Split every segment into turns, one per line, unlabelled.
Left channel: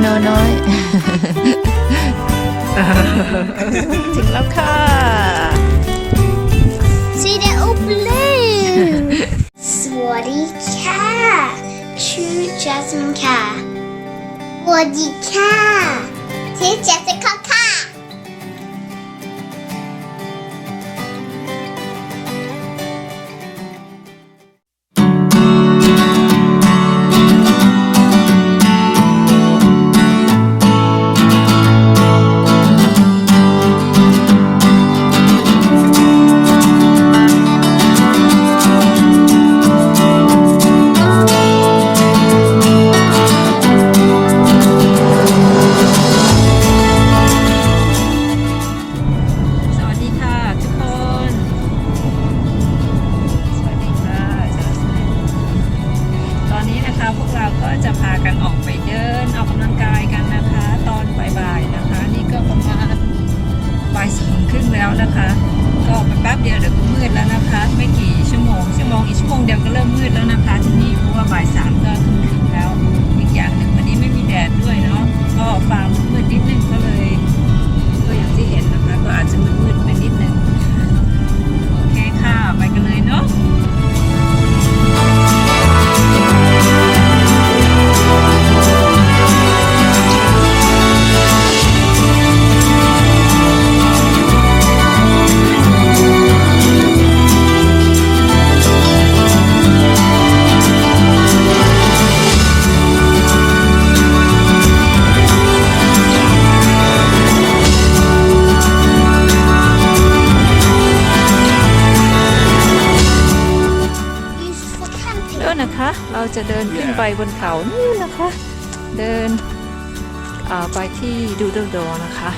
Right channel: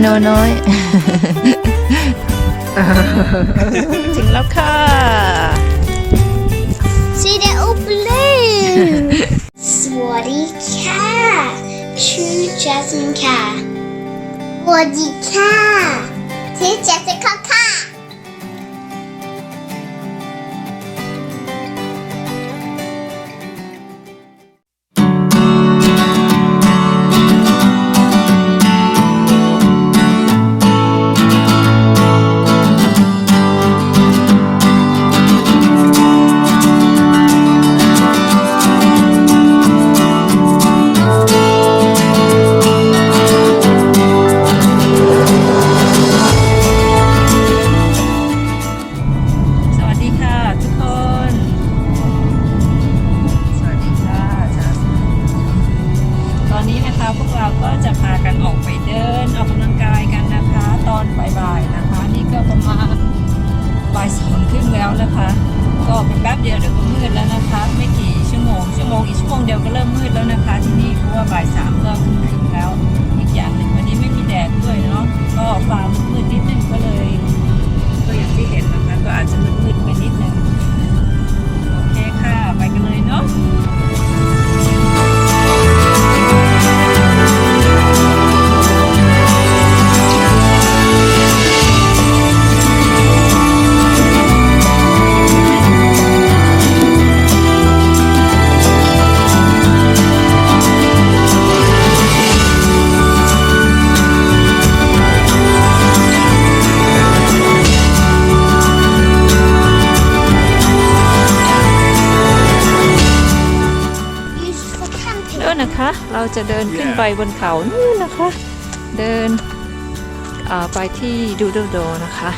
โนน้อย ถึงแล้วค่ะ
See the old blue. Swaddy cat. True Jasmine cat. Swaddy cat. True Jessica cat.
ส บ่ายสาม เราจะเดินขึ้นไปบนเขานู่นนะคะ เดินเอ่อไปที่ดูโดโดนะคะ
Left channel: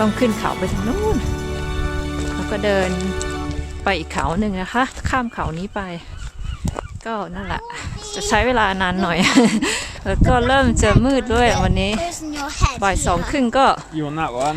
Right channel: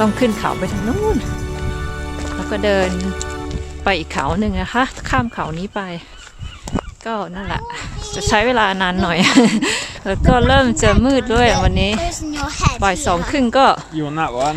ต้องขึ้นเขาไปทางนู้น แล้วก็เดินไปอีกเขาหนึ่งนะคะ ข้ามเขานี้ไป ก็นั่นแหละ จะใช้เวลานานหน่อย แล้วก็เริ่มจะมืดด้วยวันนี้
Goes in your head.
บ่ายสองครึ่งก็
You want that one?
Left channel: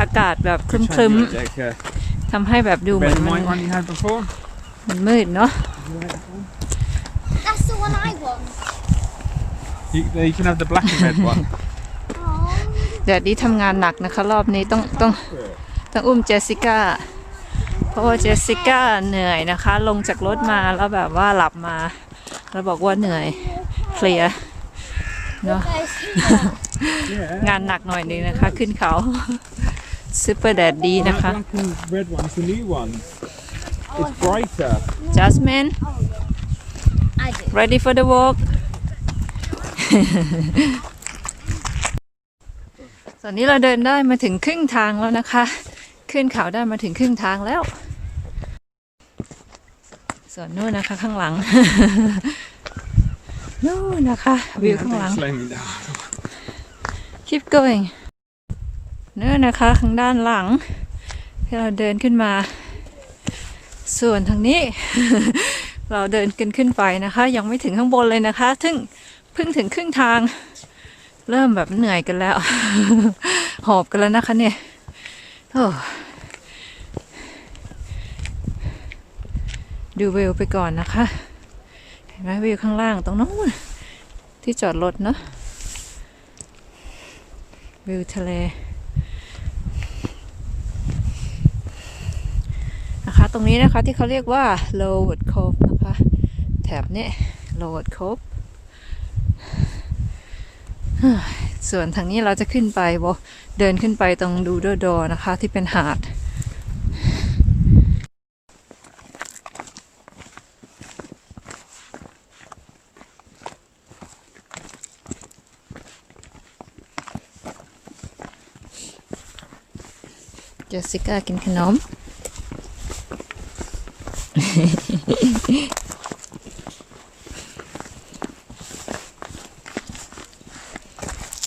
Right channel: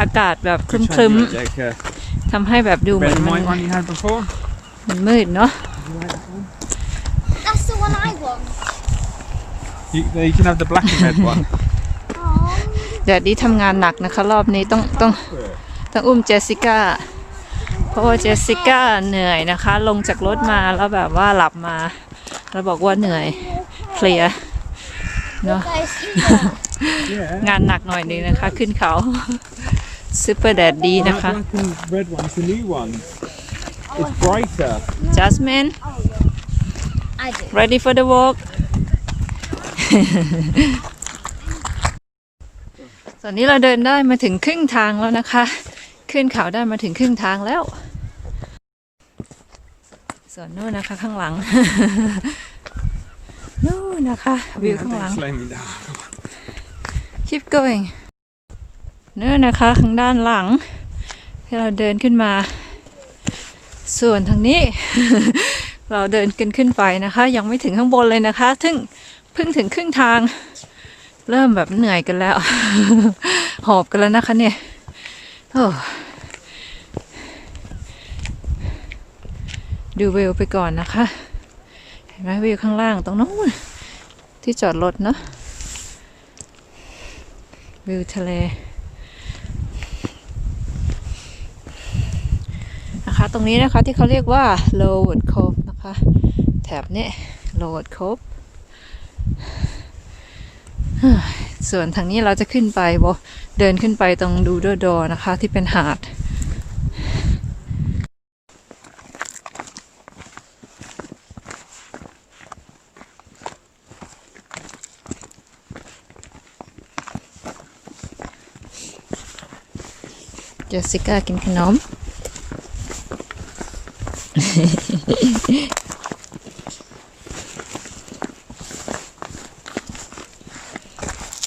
อากาศแบบค
Which
รึม
one do you like, Jake?
ๆทำให้แบบดู
Uh,
เหมือ
red
น
and
มัน
white one you had before?
มันมืดเนาะ
That's the one I want.
You, you can have the black and red one.
Oh.
แดดดีทำงานหนักนะคะ รอบนี้ต้องต้องต้องอุ้มเจสสิก้า เพราะว่าเจสสิก้าเหนื่อยนะคะ ลงจากรถมาแล้วแบบว่าหลับมา แล้วบอกว่าเหนื่อยเพลียเนาะ
Guys, here.
Yeah.
งานหนักหน่อยนึงนะคะ ขึ้นเขาซูเปอร์แดดดีนะ
That
คะ
black and red one's the new one. It's brighter.
Jasmine
I do.
ready for the walk ตอนนี้เราเดินได้มาถึงครึ่งทางแล้วนะคะ ขึ้นเขาได้มาถึงครึ่งทางแล้ว ส่วนนู่นนะคะข้างหลัง นู่นนะคะวิวข้างหลัง
Don't slow me down.
keep going นู่นนะคะข้างด้านหลัง ที่เราเดินขึ้นมา ส่วนทางนี้ เราเดินกันขึ้นไปนะคะ ยังไม่ถึงข้างบนเลยนะคะถึงเพิ่งถึงครึ่งทาง เริ่มแบบเหนื่อยกันแล้ว หอบกันแล้วนะคะเนี่ยโอ้ดูวิวไปก่อนนะคะ เห็นไหมวิวข้างล่างตรงนู้นที่จอดรถเนาะวิวทะเลนะคะ ตรงนี้นะคะที่เขาเรียกว่า Lowood Cove นะคะ แถบนี้ Lowood Cove ส่วนทางนี้เราจะขึ้นไปบเดินขึ้นไปตรงดูดโดนะคะ ที่เป็นหาด เจสสิก้ากินขนม ต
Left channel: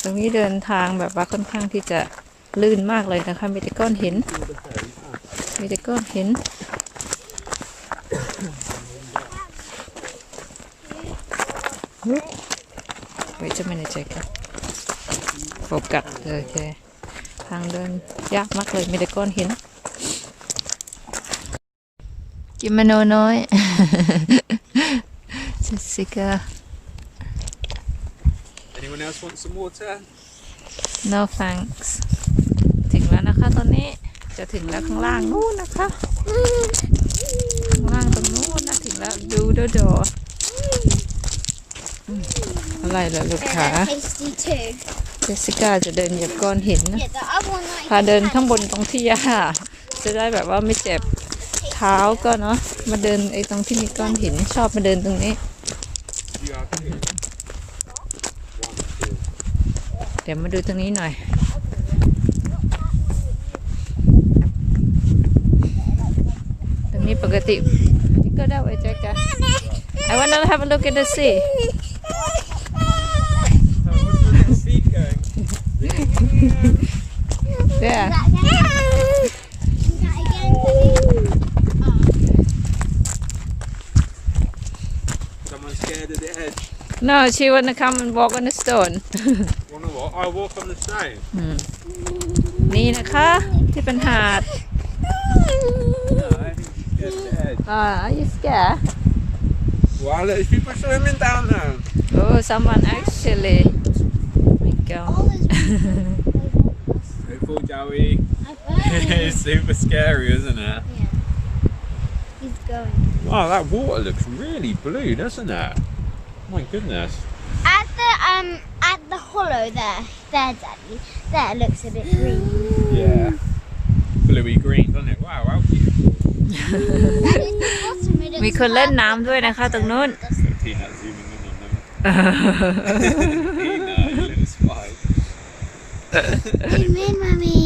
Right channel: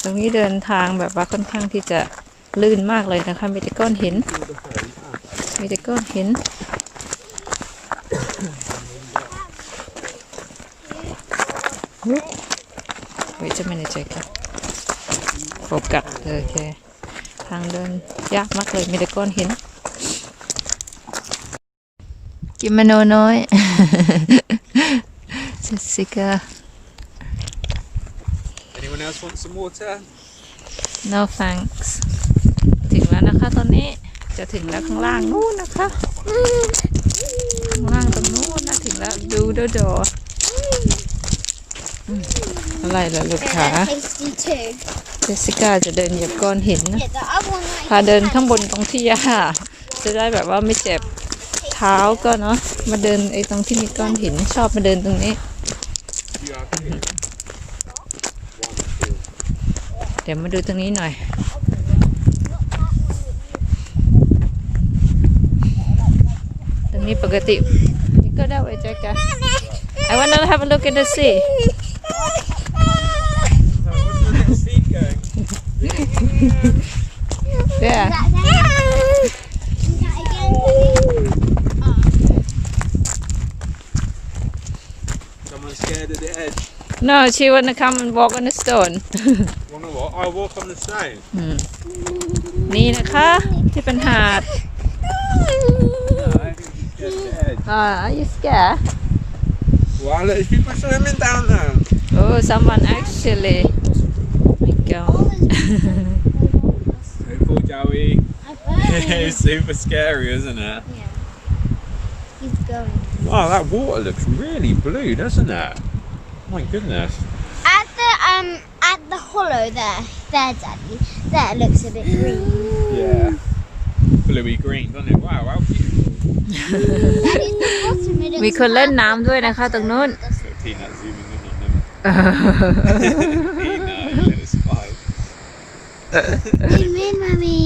รงนี้เดินทางแบบว่าค่อนข้างที่จะลื่นมากเลยนะคะมีแต่ก้อนหินมีแต่ก้อนหิน Wait a minute, Jacob. โฟกัสโอเคทางเดินยากมากเลยมีแต่ก้อนหิน กินมโนน้อยเจสสิก้า
Anyone Anyone else want some water?
no thanks ถึงแล้วนะคะตอนนี้จะถึงแล้วข้างล่างนู้นนะคะ ข้างล่างตรงนู้นนะถึงแล้วดูโดโดอืมอะไรล่ะลูกขา
They're tasty too.
เจสสิก้าจะดินเหยียบก้อนหินนะ
Yeah, the other one that I
พาเดินข้างบนตรงที่หญ้าจะได้แบบว่าไม่เจ็บเท้าก็เนาะมาเดินไอ้ตรงที่มีก้อนหินชอบมาเดินตรงนี้
You have two. One, two.
เดี๋ยวมาดูตรงนี้หน่อย ตรงนี้ปกตินี่ก็ได้ไว้แจ็คกัน I wanna have a look at the sea
So what's your feet going?
yeah
scared of the edge.
no she wanna come and walk on the stone
Wanna what? I walk on the stone.
อืมนี่นะคะ ที่เป็นหาด
No, I think he's scared of the edge.
uh, are you scared
Wow, look, there's people swimming down there.
oh someone actually my god
Hey, poor Joey. it's super scary, isn't it?
He's going.
Oh, that water looks really blue, doesn't it? My goodness.
At the um at the hollow there, there, Daddy. There it looks a bit green.
Yeah. Bluey green, doesn't it? Wow, how beautiful.
and in the bottom it looks
มีคนเล่น
purple.
น้ำด้วยนะคะตรงนู้น
So Tina zooming in on them. Tina, little spy.
Zoom in, Mummy.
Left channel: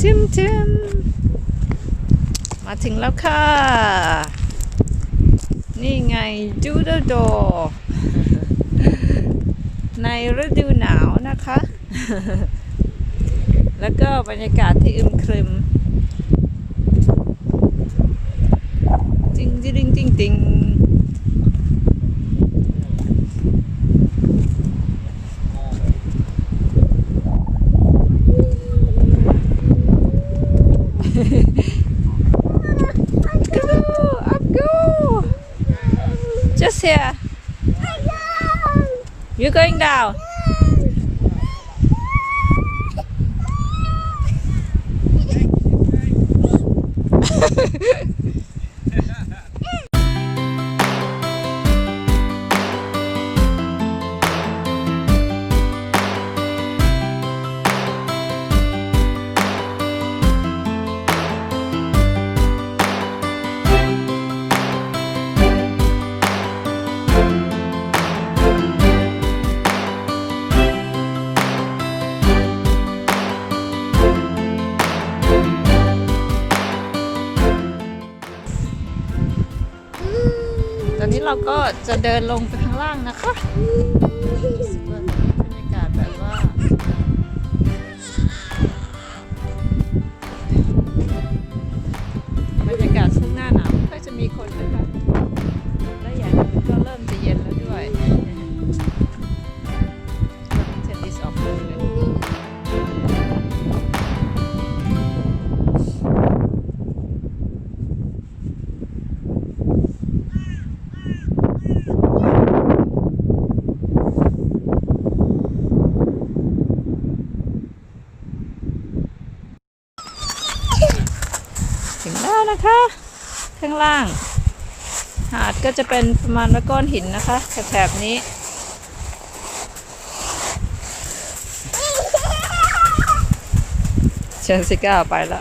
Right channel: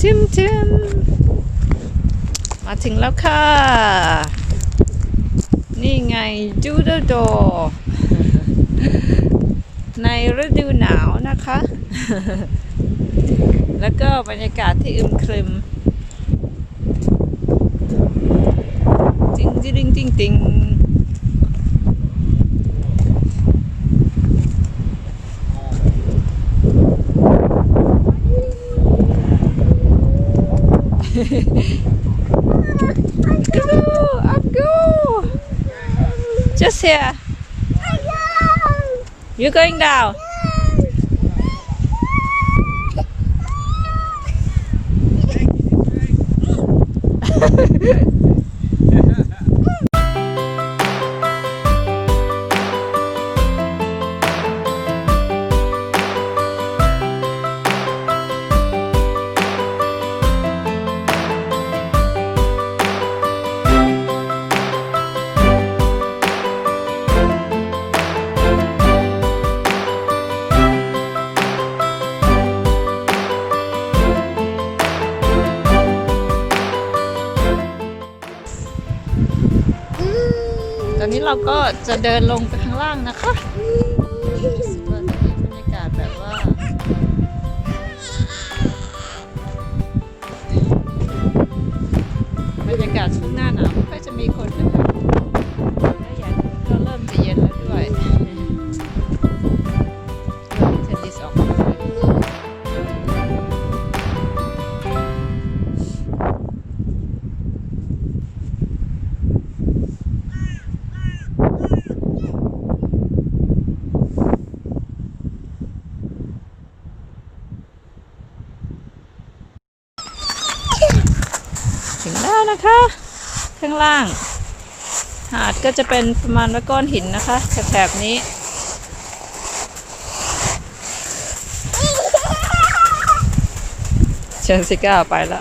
ทิมทิมมา ถึงแล้วค่ะ นี่ไงจูดโด ในฤดูหนาวนะคะ แล้วก็บรรยากาศที่อึมครึมจริงจริงจริงจริง just here. You're going down เราก็จะเดินลงไปข้างล่างนะคะรู้สึกว่าตอนนี้บรรยากาศแบบว่าบรรยากาศช่วงหน้าหนาวไม่ค่อยจะมีคนนะคะและอย่างหนึงก็เริ่มจะเย็น นะคะ ข้างล่าง หาดก็จะเป็นประมาณว่าก้อนหินนะคะแถบๆนี้เชนซิก้าไปละ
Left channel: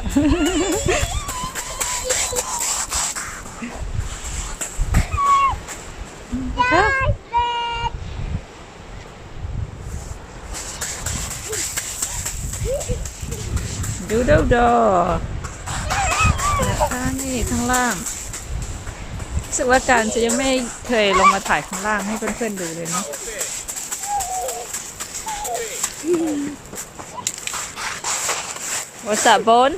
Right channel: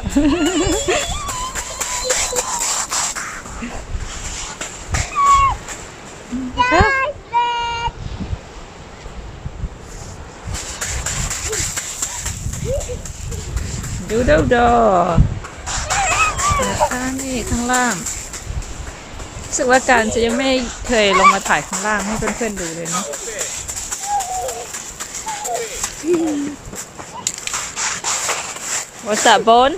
ดูดูดู นะคะนี่ข้างล่างรู้สึกว่าการจะยังไม่เคยลงมาถ่ายข้างล่างให้เพื่อนๆดูเลยเนาะ What's that bone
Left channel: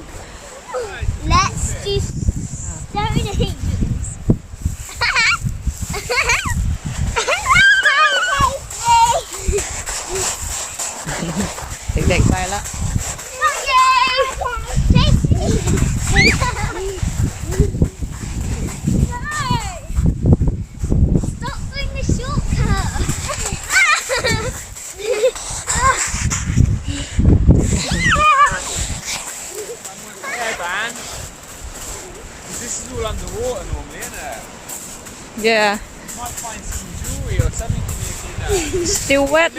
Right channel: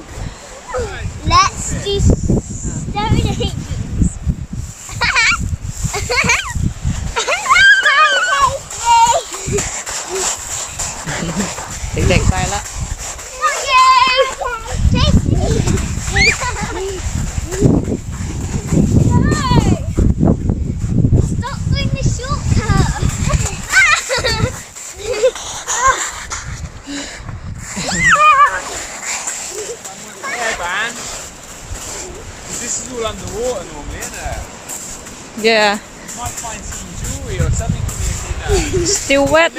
Let's do stone ages.
เด็กๆไปละ Yeah.
Might find some jewelry or something in here.
Still wet.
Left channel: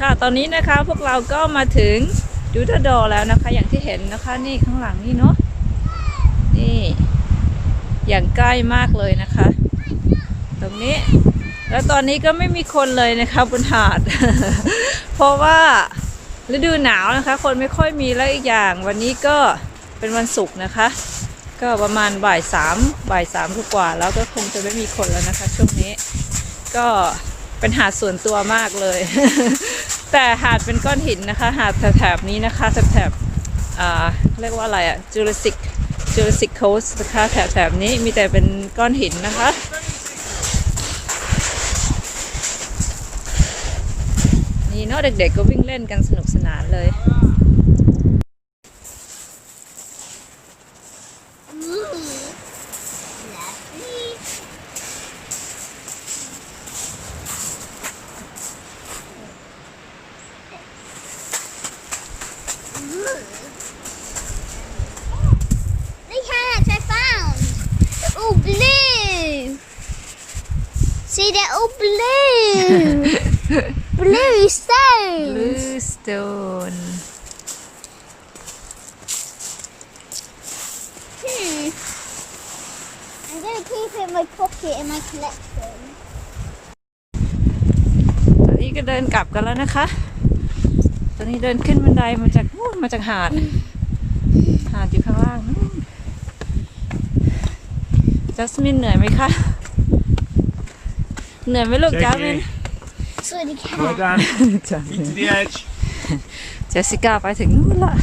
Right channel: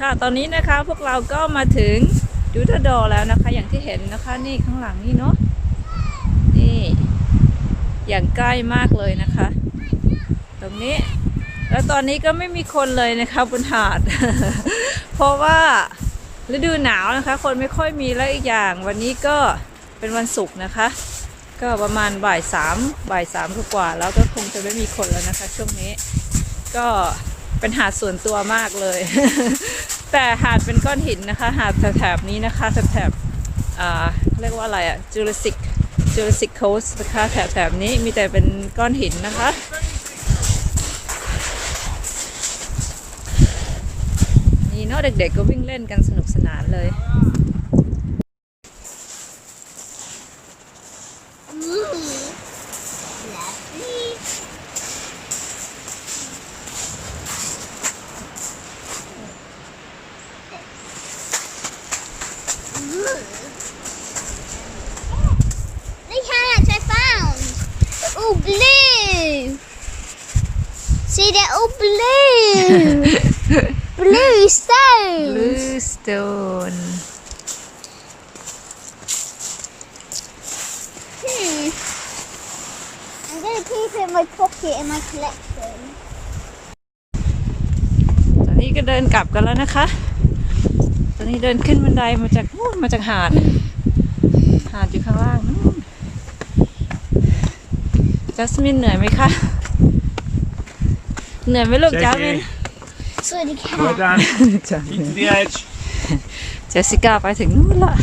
ค่ะตอนนี้นะคะพวกเราก็มาถึงยูทาดอแล้วนะคะ อย่างที่เห็นนะคะนี่ข้างหลังนี่เนาะนี่อย่างใกล้มากเลยนะคะ ตรงนี้ แล้วตอนนี้ก็ไม่มีคนเลยนะคะบนหาด เพราะว่าฤดูหนาวนะคะ คนไม่ค่อยมีแล้วอีกอย่าง วันนี้ก็เป็นวันศุกร์นะคะ ก็ประมาณบ่ายสามบ่ายสามกว่าแล้วก็คงจะไม่มีคนแล้วนะคะ ช่วงนี้ ก็เป็นหาดส่วนตัวมากเลย แต่หาดเป็นก้อนหินนะคะ หาดแถบนี้นะคะแถบอ่าเรียกว่าอะไรอะ Jurassic Jurassic Coast นะคะแถบๆนี้มีแต่เป็นก้อนหินนะคะ นี่ เนาะเด็กๆก็วิ่งเล่นกันสนุกสนานเลย
Lovely. Look how much I found. They're all blue. See, they're all blue. Blue stones.
Bluestone
Hmm. I'm gonna keep it in my pocket in my collection.
ตอนนี้ก็เดินกลับกันแล้วนะคะ ตอนนี้เดินขึ้นบันไดมาจากนู่นมาจากหาด หาดอยู่ข้างล่างนู่นจัสมินเหนื่อยไหมคะ เหนื่อยไหมลูกจัสมิน
So the cat.
Well done.
จัสมิ
Keep
น
to the edge.
เจสสิก้าไปถึงนู่นละ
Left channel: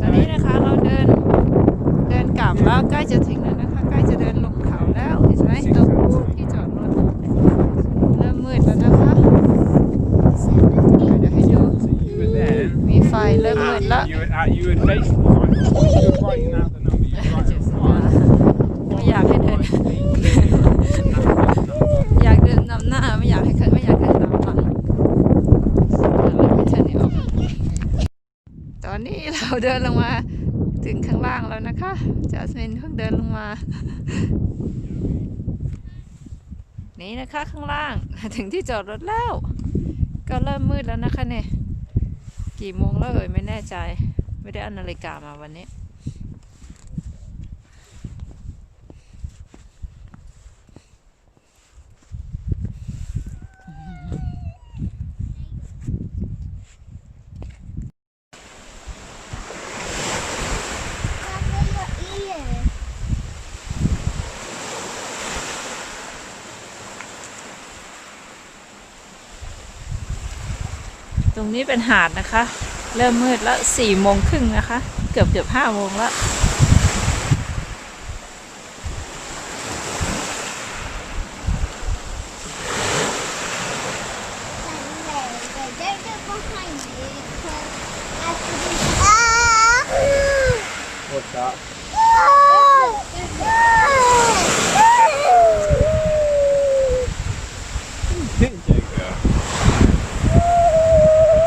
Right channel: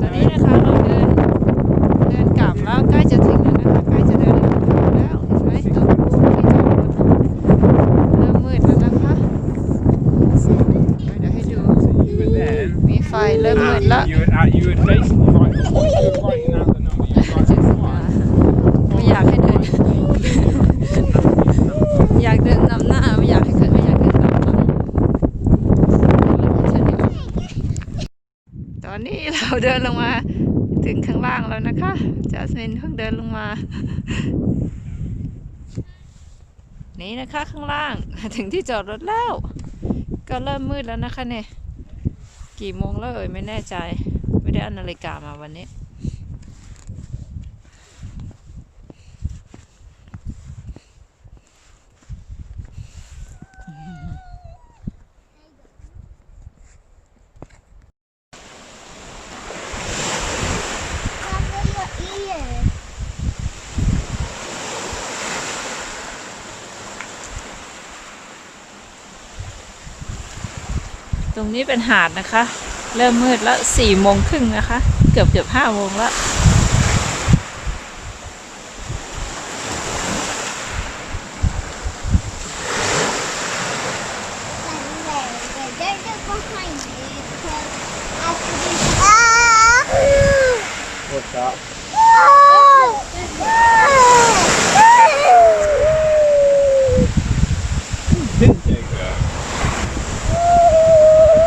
ตอนนี้นะคะเราเดินเดินกลับแล้วใกล้จะถึงแล้วนะคะ ใกล้จะเดินลงเขาแล้วเห็นไหมตรงที่จอดรถเริ่มมืดแล้วนะคะเดี๋ยวเดี๋ยวให้ดู
So you were then.
มีไฟเริ่มมืดแล้ว
You were, uh, you were basically right. You were writing out the number. You were
เจส
writing
สิก้า
one.
ไม่อยากให้เดิน อยากเดินนำหน้าไม่อยากให้เกิดไม่อยากเดินตามหลังตอนนี้เราเดินลงมาถึงข้างล่างแล้วนะคะจัสมินเพิ่งเดินลงมา นี่นะคะข้างล่างถึงที่จอดรถแล้ว ก็เริ่มมืดแล้วนะคะเนี่ยกี่โมงแล้วเอ่ยไม่แน่ใจ ไม่ได้อานาฬิกามาวันนี้ ตรงนี้เป็นหาดนะคะ เริ่มมืดแล้วสี่โมงครึ่งนะคะ เกือบเกือบห้าโมงแล้ว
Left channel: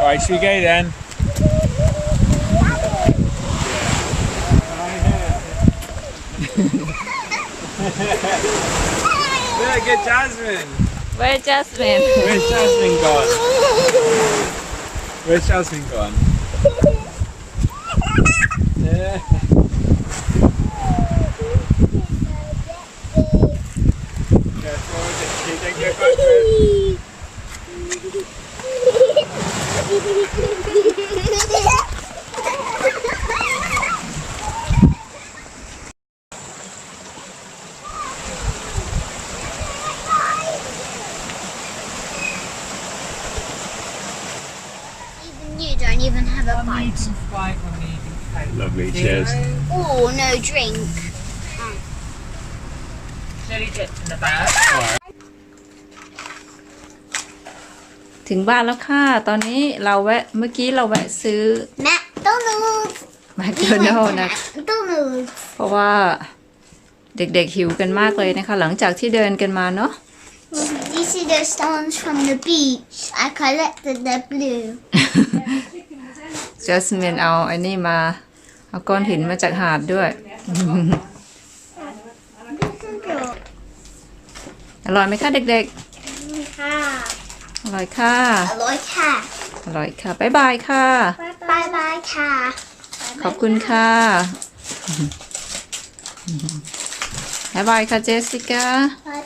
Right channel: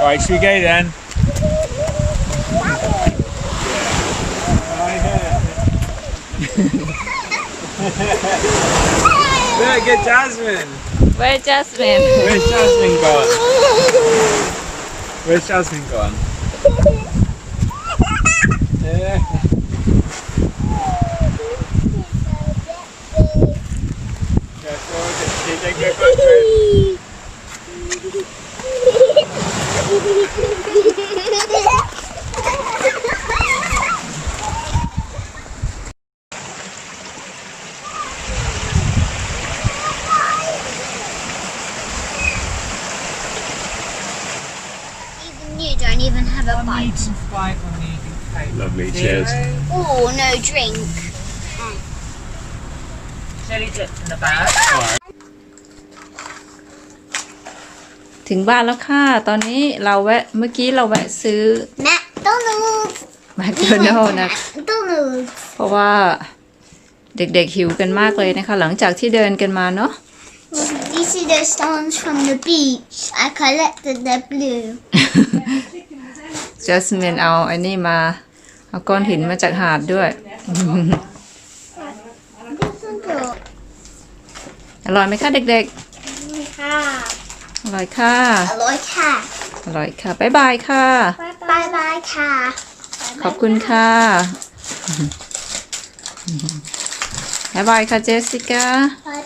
Alright, so you go then. Where Look, get Jasmine.
Where Jasmine?
Where's Jasmine gone? Where's Jasmine gone? yeah.
you don't even have a bite.
Lovely, cheers.
Oh, no drink.
Jelly dip in the back ถึงบ้านแล้วค่ะ ตอนนี้เราแวะเมื่อกี้เราแวะซื้อ
McDonald's.
แมค
We
โด
went
นัล
to
นะ
McDonald's.
เพราะว่าเด็กๆหิวกันมากเลยนะคะ หลังจากที่เดินกันมาเนาะ
You see the stones from the beach? I collected the blue.
จัสมินเอาไอ้นี่มา เอาก้อนหินมาจากหาดด้วย อร่อยไหมคะเด็กๆ อร่อยค่ะ
I like cat.
อร่อยค่ะ บ๊ายบายค่ะ
Bye bye cat.
ขอบคุณค่ะบ๊ายบายค่ะเจสสิก้า
Bye